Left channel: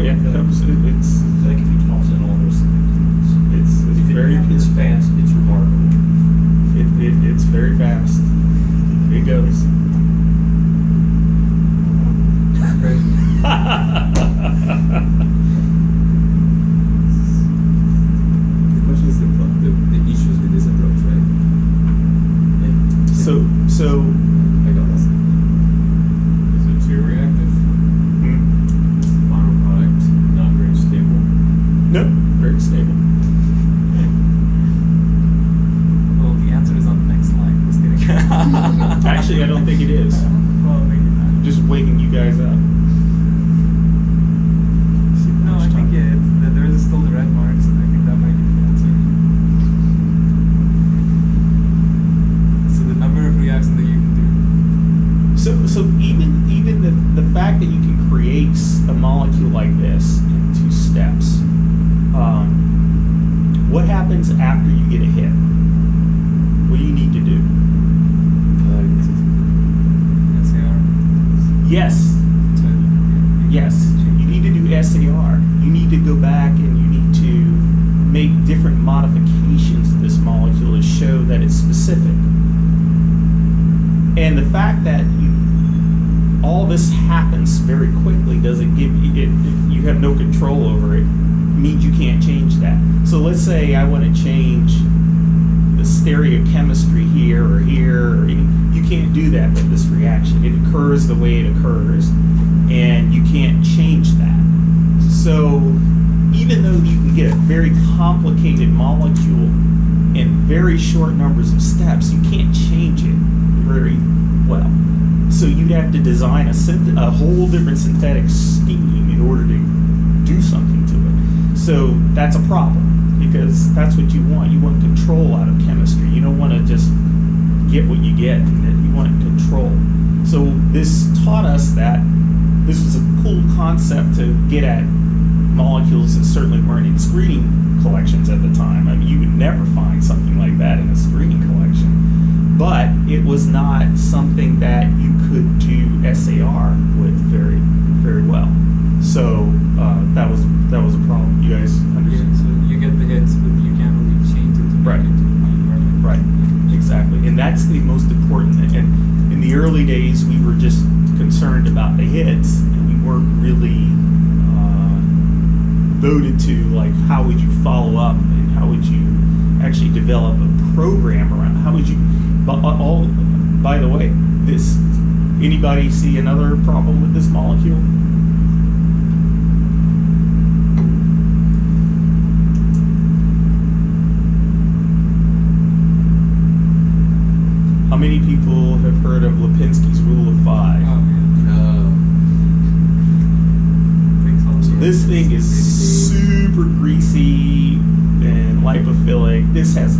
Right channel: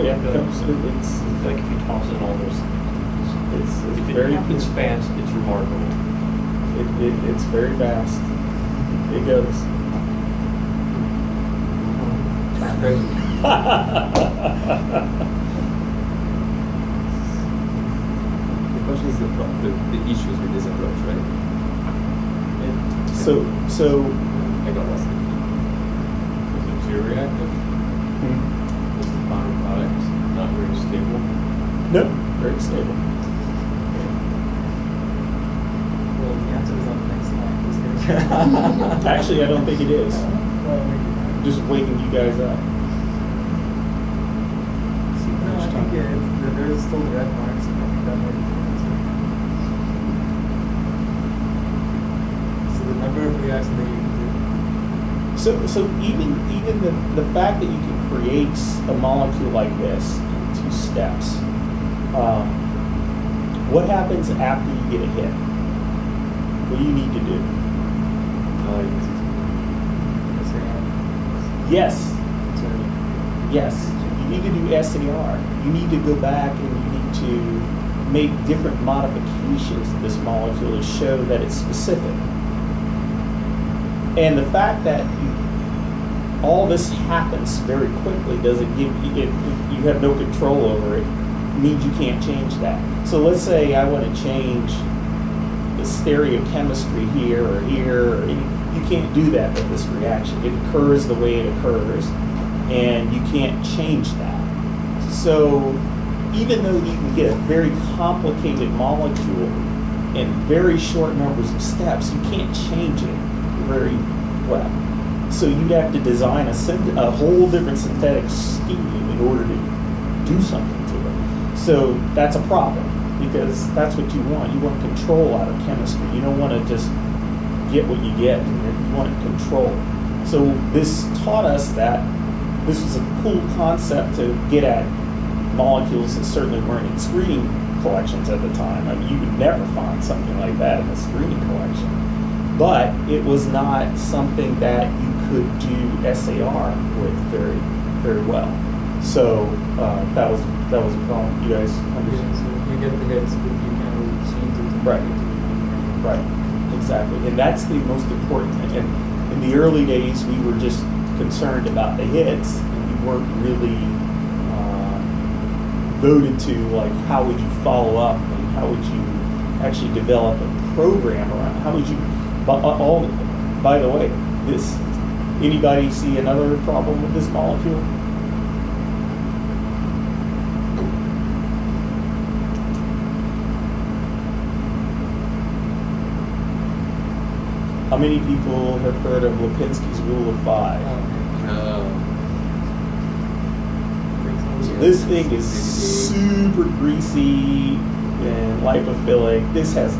yeah, it's Like if you toss in all those things. it's If it very happens fast, it's remarkable. it's very fast. It goes. It's crazy. The question is the issues with this approach, right? So I got lost. Is it too reactive? hmm, Is the final product not very stable? no, very stable. Well, the answer is on the next slide. Just kidding. Actually, I don't think it is. Well, maybe not. Just waking you guys up. See how No, much I time. think there is still the red marks, and I think that might be the answer. So the number of reactions that you can do. So even the fact that you can create a molecule like this in 2 steps, what happens after you get a hit? What do you need to do? Yes, yes. You need to do SAR. You need to go back and you need to make different modifications to this molecule to show that it's specific. And the fact that all this happens very quickly doesn't give you have no control over it, means you can't change that. So let's say I want to change the stereochemistry here or here, or you can't do that with this reaction. It occurs the way it occurs, and you can't change that. So even though you can get a very complicated molecule in very short numbers of steps, you can't change it very well. So you'd have to design a whole different synthetic scheme in order to do something to it. So that's a problem, because that's what you want. You want control out of chemistry. You don't want to just get what you get, and then you want control. So this taught us that this was a cool concept to get at molecules that certainly weren't in screening collections at the time. I mean, you would never find something like that in a screening collection. But it was not something that you could do SAR with very, very well. So that was a problem. You guys Yeah, understand? so you get the hits, but you can't really change it to make Right. it to the main version. Right, exactly. And that's the most important thing. And in the early days, we were just concerned about the hits, and we weren't really devoted to, like, how would you follow up and how would you actually develop a program around, how would you, by the way, anybody see another problem with this molecule? How many people have heard of Lipinski's Rule of 5? So this thing is super greasy and lipophilic. This has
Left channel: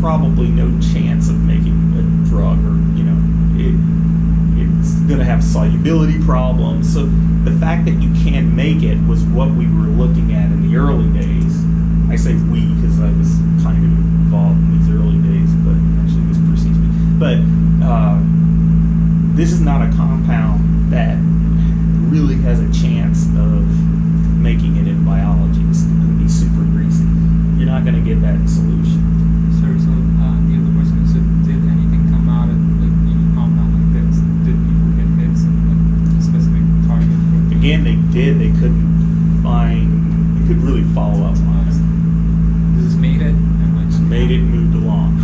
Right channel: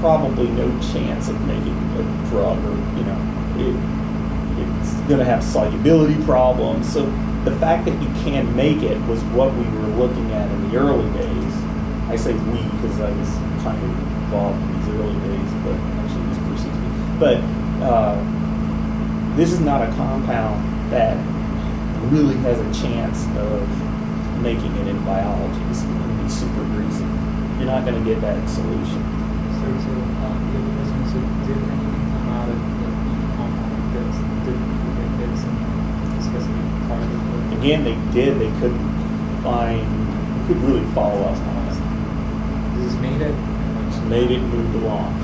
probably no chance of making a drug, or it's going to have solubility problems. So the fact that you can make it was what we were looking at in the early days. I say we because I was kind of involved in these early days, but actually this precedes me. But this is not a compound that really has a chance of making it in biology. It's going to be super greasy. You're not going to get that solution. So the other question is, did anything come out of the compound like this? Did people get hits on like a specific target? Again, they did. They couldn't really follow up on it. This has made it. And like, Just made it and moved along.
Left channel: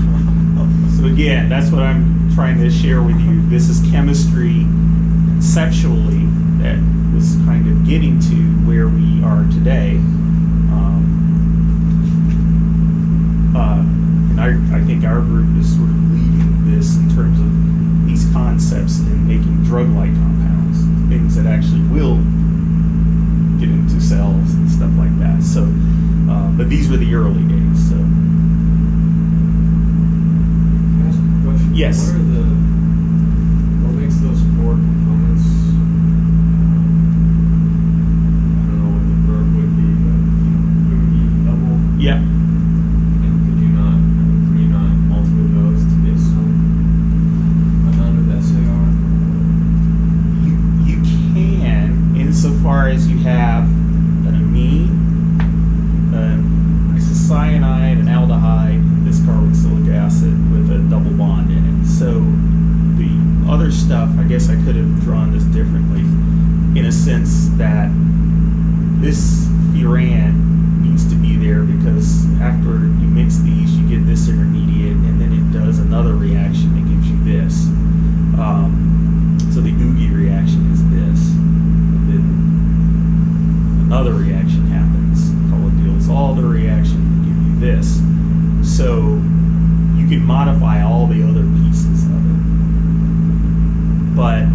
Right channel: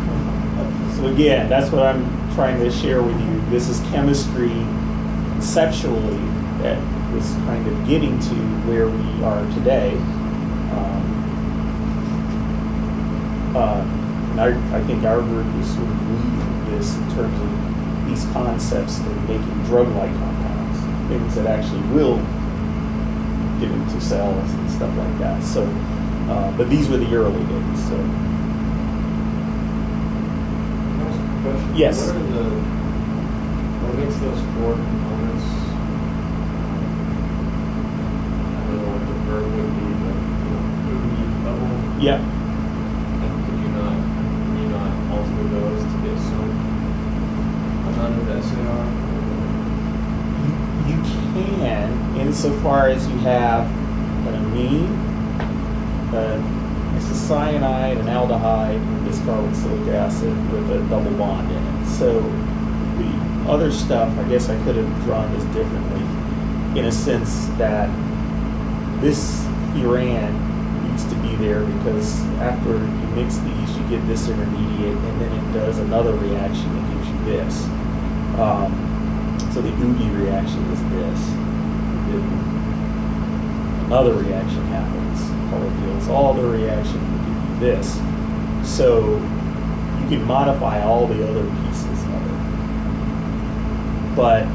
So again, that's what I'm trying to share with you. This is chemistry conceptually that was kind of getting to where we are today. And I think our group is sort of leading this in terms of these concepts and making drug-like compounds, things that actually will get into cells and stuff like that. So, but these were the early days. So. Can I ask a question? Yes. What makes those 4 components? I don't know what the verb would be, but food level. Yep. And can you not alter those to get some amount of SAR? You can, insofar as you have an amine, an isocyanide, an aldehyde, and this carboxylic acid with a double bond in it. So the other stuff, I guess I could have drawn this differently, in a sense that this furan needs to be there because after you mix these, you get this intermediate, and then it does another reaction that gives you this. So the Ugi reaction is this. And then another reaction happens, polydyls alder reaction will give you this. So you can modify all the other pieces of it. But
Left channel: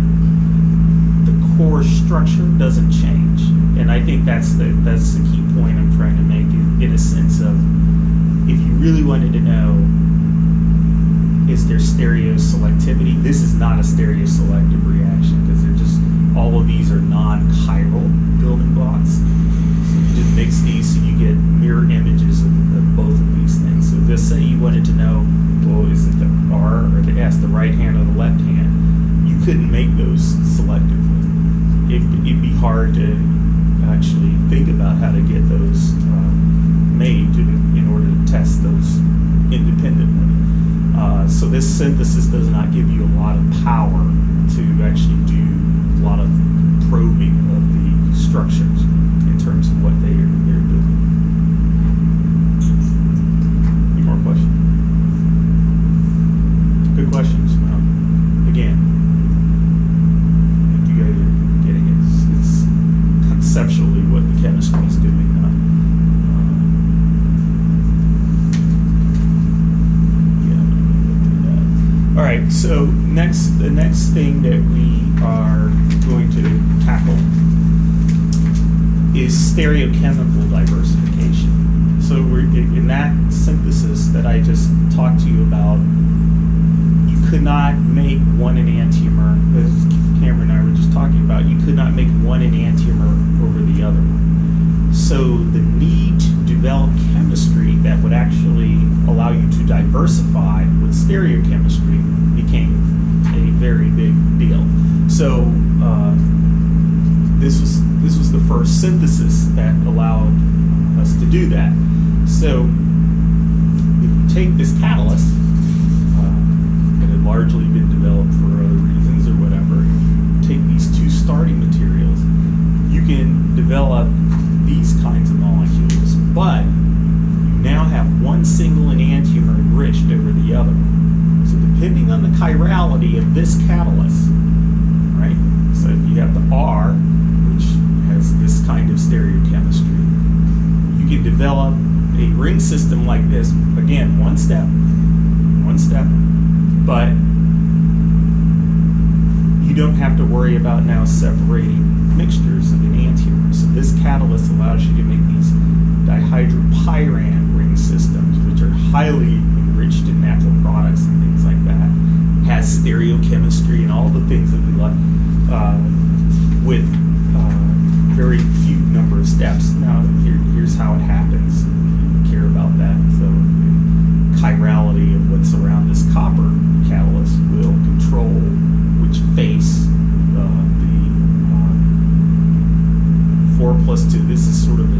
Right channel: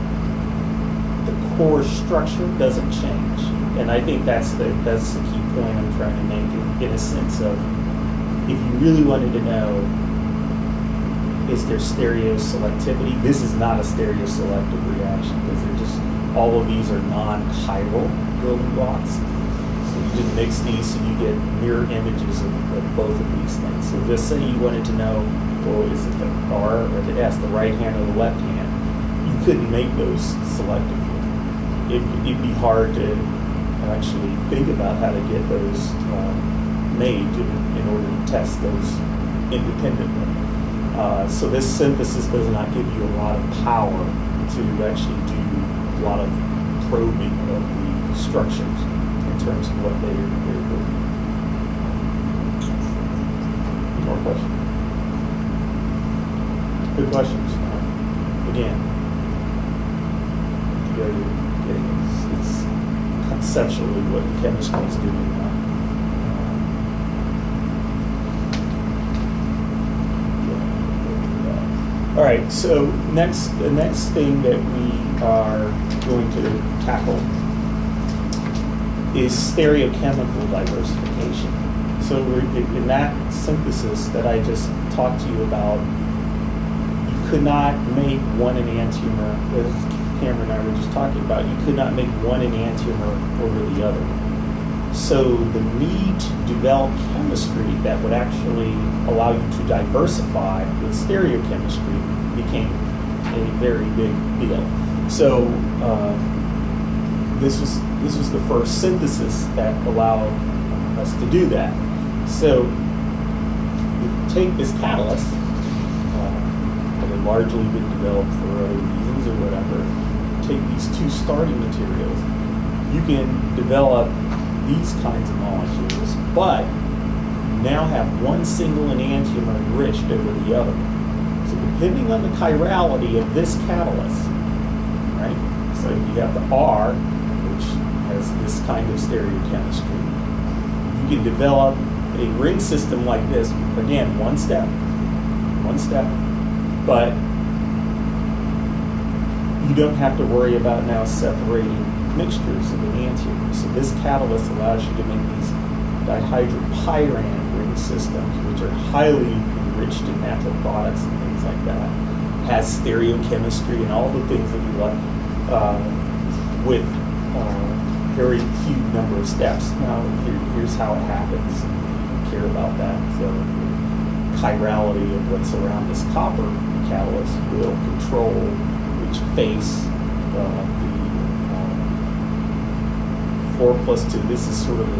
the core structure doesn't change. And I think that's the key point I'm trying to make in a sense of, if you really wanted to know, is there stereoselectivity? This is not a stereoselective reaction because they're just, all of these are non-chiral building blocks. So you just mix these so you get mirror images of both of these things. So just say you wanted to know, well, is it the R or the S, the right hand or the left hand? You couldn't make those selectively. It'd be hard to actually think about how to get those made in order to test those independently. So this synthesis does not give you a lot of power to actually do a lot of probing of the structures in terms of what they're doing. Any more questions? Good questions. Again, you go to getting it. It's conceptually what the chemistry is doing. All right, so the next thing that we are going to tackle is stereochemical diversification. So in that synthesis that I just talked to you about, you could not make one enantiomer, as Cameron and I were just talking about, you could not make one enantiomer over the other. So the need to develop chemistry that would actually allow you to diversify with stereochemistry became a very big deal. So this was the first synthesis that allowed us to do that. So if you take this catalyst that had largely been developed for other reasons or whatever, take these two starting materials, you can develop these kinds of molecules, but you now have one single enantiomer enriched over the other. So depending on the chirality of this catalyst, right? So if you have the R, which has this kind of stereochemistry, you can develop a ring system like this. Again, one step, but you don't have to worry about now separating mixtures of enantiomers. So this catalyst allows you to make these dihydropyran ring systems, which are highly enriched in natural products and things like that. Has stereochemistry and all the things that we like, with very few number of steps. Now here's how it happens. You don't care about that. So the chirality of what's around this copper catalyst will control which face the 4+2, this is sort of a